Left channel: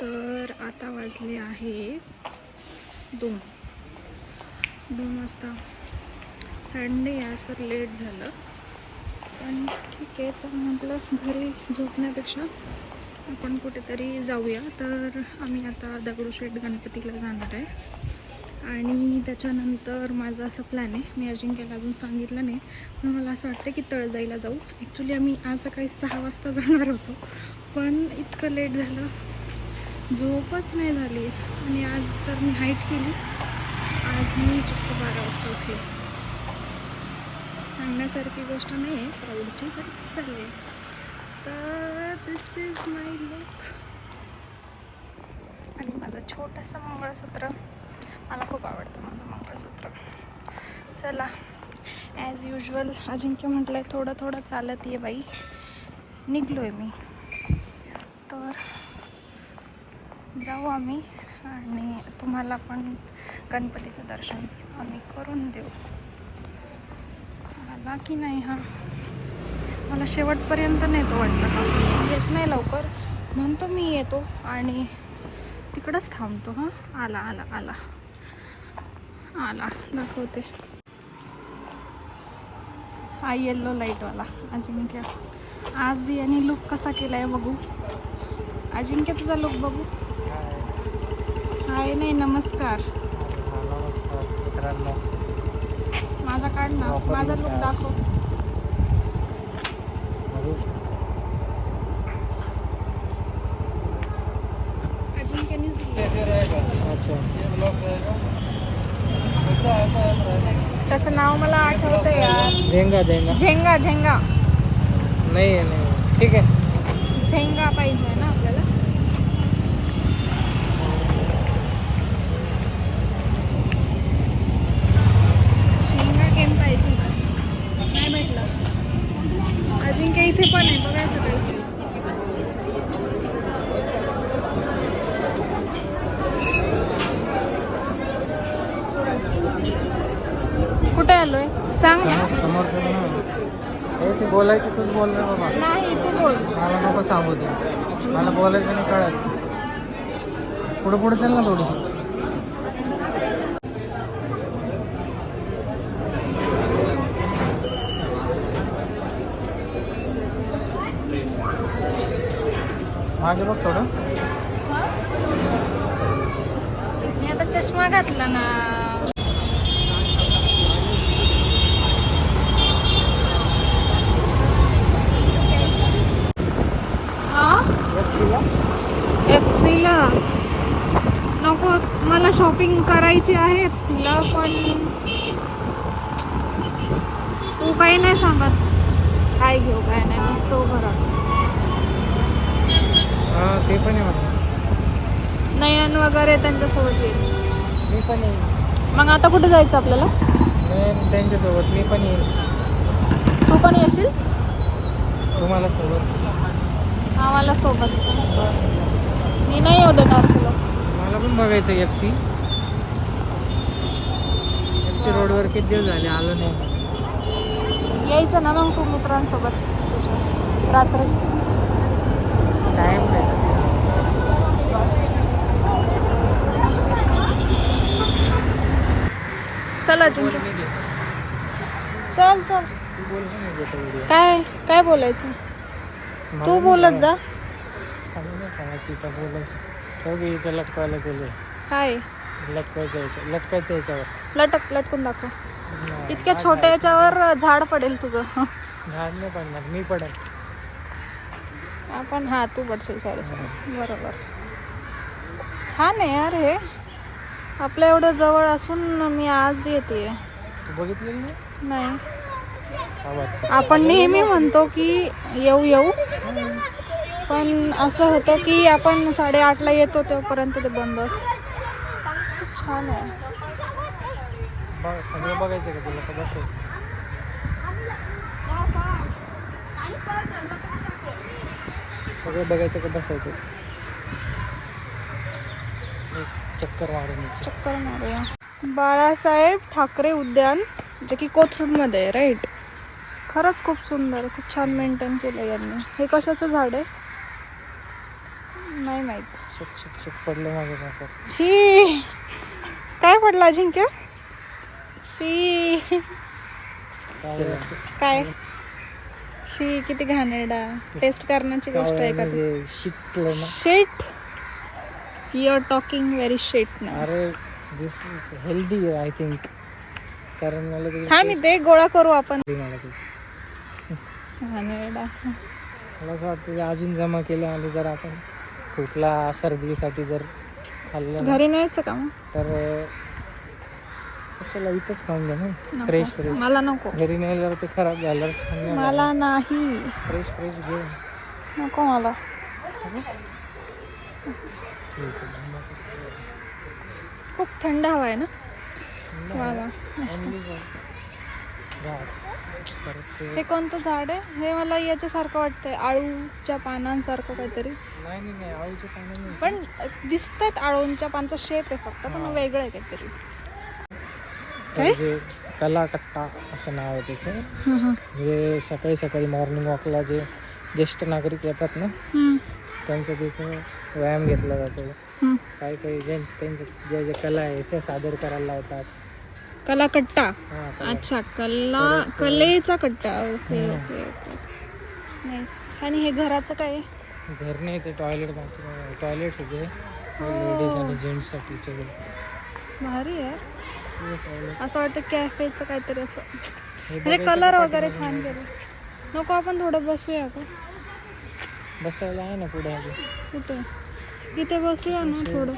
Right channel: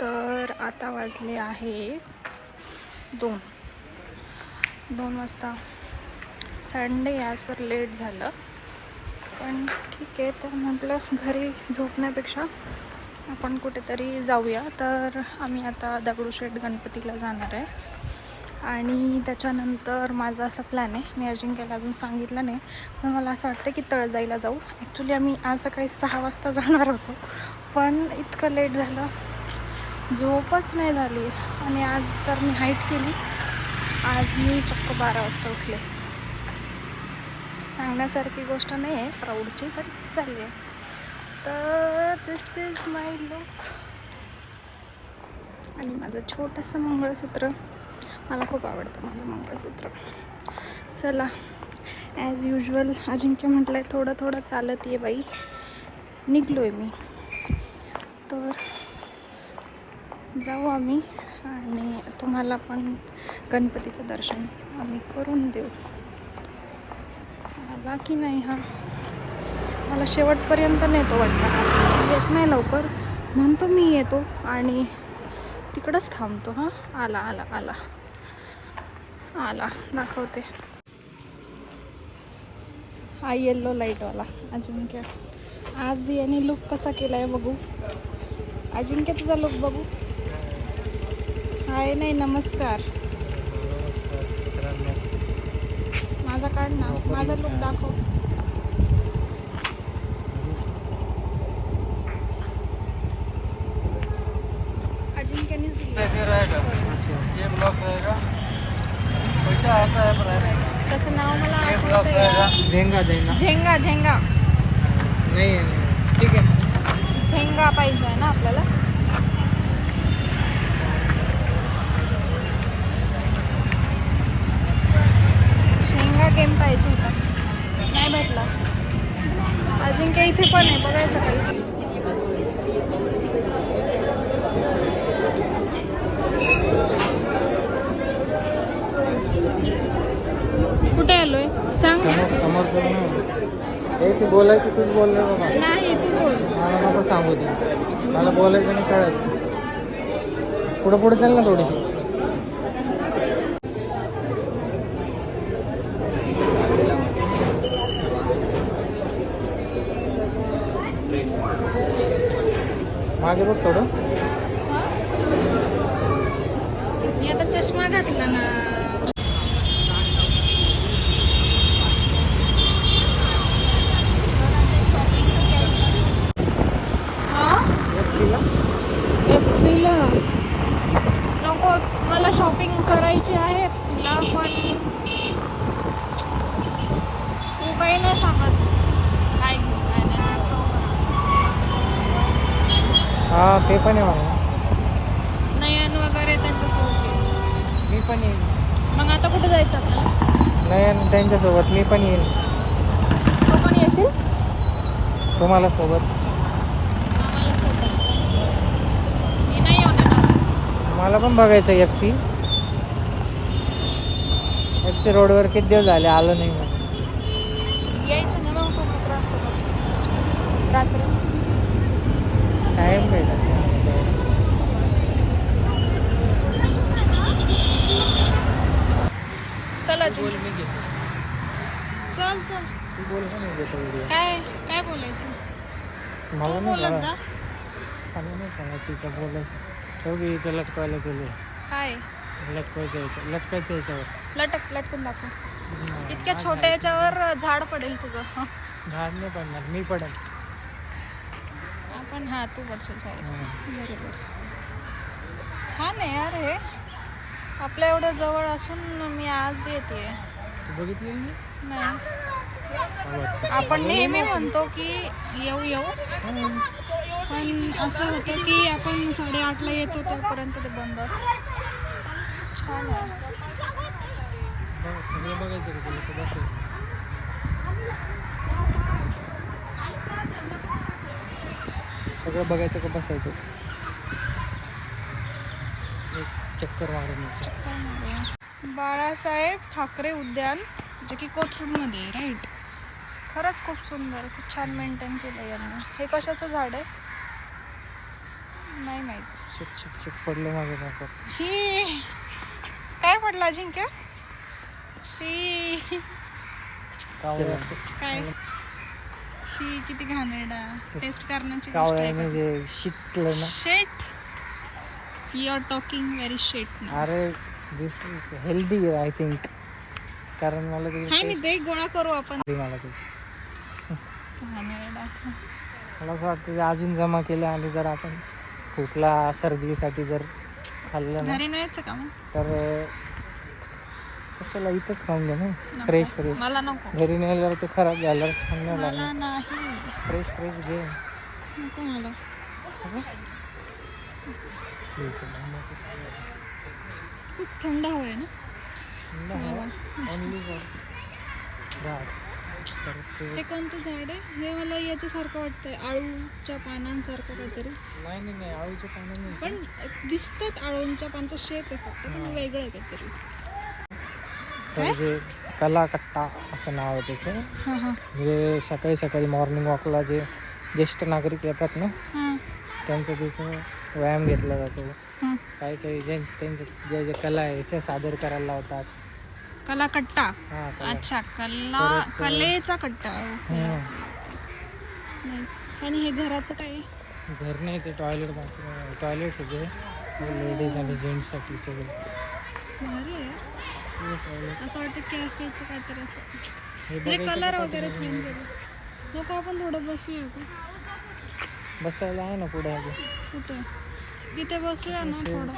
तर आता वाजले आहे 2 वाजता. संडे आज तर लेट झालं, पण ठीक आहे. तर म्हटलं घरी झोपण्यापेक्षा आपण कुठेतरी जाऊया. तर आम्ही आता दगडूशेठ गणपतीला जाणार आहे आणि त्याच्यानंतर माझा असा प्लॅन आहे, मी अजिंक्यला अजून सांगितलं नाही, पण मला असं वाटतं की तळजाईला जाऊ. ॲक्च्युली आम्ही आज सकाळी 6 वाजता जाणार होतो, पण इतकं लेट झालं, झोपच नाही झाली. आणि आज तर मी हाईट केली, आज मी चक्क 12 वाजता उठले. सांगण्यासारखी गोष्ट नाही आहे प्राऊडची, पण चालली आहे. तर दिस इज माय लुक आणि माझं छोटंसं मंगळसूत्र. मला खूप आवडतं मंगळसूत्र. चला, ॲज युजल अजिंक्य म्हटलं थोडं थोडं चालत ये बाई. निघलो आहे मी. तर जाऊ आम्ही आणि तुम्हाला पण गणपतीचं दर्शन आम्ही करून देऊ. मला की नाही हा मला शेवटपर्यंत नेतो वाटतं, येत नाही लवकर, म्हणतो मी येतो आणि तिकडंच थांबतो. हां, आला आला आला आला, दाखवते. हा येल्लो लाईटवाला अजिंक्य. आज याने लुक कसा केला आहे बघू. अजिंक्य तुझा लुक बघू. हाय नाही, नमस्कार. माझा काढ ना, माझा लुक दाखव. अजिंक्यनीच त्याचं नाव मला आठवतं यार. झेंगा झेंगा झेंगा झेंगा नाही नाही, ठीक आहे. झेंगा पाहिजे ना आपल्याला. झेंगा गेम पाहिजे होता, नाही भेटला. अजिंक्य इथे पण आहे, बघायचं काही. कुठे आलोय सांग ना. बोलायचं तू बोल. नाही, तू बोल. सांगू मला बोलायचं नाही, कळायचं. पुढं पुढं चाल ना थोडं. माझं बघ थोडं. मी आता चष्मा घातला ना. FC ला नको, मला शॉपिंग करायची आहे FC ला, पण तू काही नाही सांगत काय घेऊ काय नाही, नसतो घरात. हा ते पण आहे मला. नयन वगैरे त्यांच्यासोबत येईल. मी पण येईल. मग आता कुठे जायचं आपल्याला. नाही त्यांच्यासोबत मी पण येईल. तू पण येशील. तुम्हाला सोबत. आम्हाला सोबत मी नाही येऊ देणार तुला. मला पण बघायचं FC रोडवर किती दिवस झाले आलो नाही. यायचं ना मग तू मित्रांसोबत रात्री. टाईम भेटत चला बोल. मी घेतो. चल चल. तू बोल ना, मी घेतो व्हिडिओ. काय बोलायचं तू बोलत जा. सांगायचं बोलायचं. हिचं लटकावायला गेलो. काय लटकायचं याच्यावर. लटकून दाखव. इतक्या छोट्या याच्यावर झाड पडेल तुझं. झाड नाही पडणार, मी पडेल. आपण हा तू पडशील साडीसोबत. बरोबर. छान आहे यार हे. आपल्या एवढं जवळ असून मी आज येते. बघितलेलं नाही. नाही. आपण नेहमी म्हणतो की येऊ पण असं होतं की आपण 8:30ला येतो तोपर्यंत ते बंद असतं. छान आहे. सगळं बघायचं का तुला, का बसायचं. सगळं बघायचं का बसायचं. चक्कर मारूया. बाळासाहेब ठाकरे उद्यान, जे की कोथरूडमध्ये आहे, राईट. खरंच खूप सुंदर, खूप छान मेंटेन केलं त्यांनी. हे कशाचं झाड आहे नाही माहीत. पडलं माझ्या डोक्यात. शी काय पडलं अजिंक्य? शी काय? शी किती घाणेरडा. टेस्ट करण्याची गोष्ट आहे का? म्हणजे शिकलं ना. शेट यू आर टॉकिंग व्हेरी शेट ना. अरे दिस इज हेल्दी आय थिंक. कारण मला ते हा मी ते गोळा करू आपण. मला ते घाणेरडा. मला असं वाटतं की अजून जमा केलं आणि जर आपण खोकला सर्दीसाठी जर खाल्लं ना, घरी न्यायचं का मग? तर कशाला इथंच खाऊन घ्या ना. नको. Fresh fresh. मला नको. घरी नेल्यावर ते खराब झालं. मला नाही. फ्रेश फ्रेश घे. नको मला. ठीक आहे. खूप थंड हवा आहे ना. वा वा मस्त. हे कोणतं झाड आहे? हे मला याच्यासारखं वाटतंय, आळूच्या पानांसारखं काहीतरी. नाही आळूचे पानं नाही. पण दिसतात आळूंच्या पानाचा शेप आहे फक्त, पण वेगळं आहे काहीतरी. काय? जे कलाकट्टा असं नाव आहे त्याचं. म्हणजे सकाळी सकाळी मॉर्निंग वॉकला जे ज्येष्ठ नागरिक येतात ना, त्यांचा तिथे व्यायाम घेतला जातो. काही काही त्यांचे जे जे कला आहे ते सादर करायला लावतात. कलाकट्टा. हा, अच्छा, कलेचा कट्टा. Okay okay okay. नाईस. आणि हे घराचं काय आहे? घर नाही ते टॉयलेट बाथरूम. टॉयलेट होते लेडीज आणि जेंट्ससाठी सगळे. भारी आहे. टॉयलेट असं वाटतं कॅफेचं काहीतरी असं. म्हणजे कलर वगैरे छान केलं. नको आपण थोडं बसूया का? बसायला आहे ना पुढे. कुठे? इथे बसूया ना थोडं.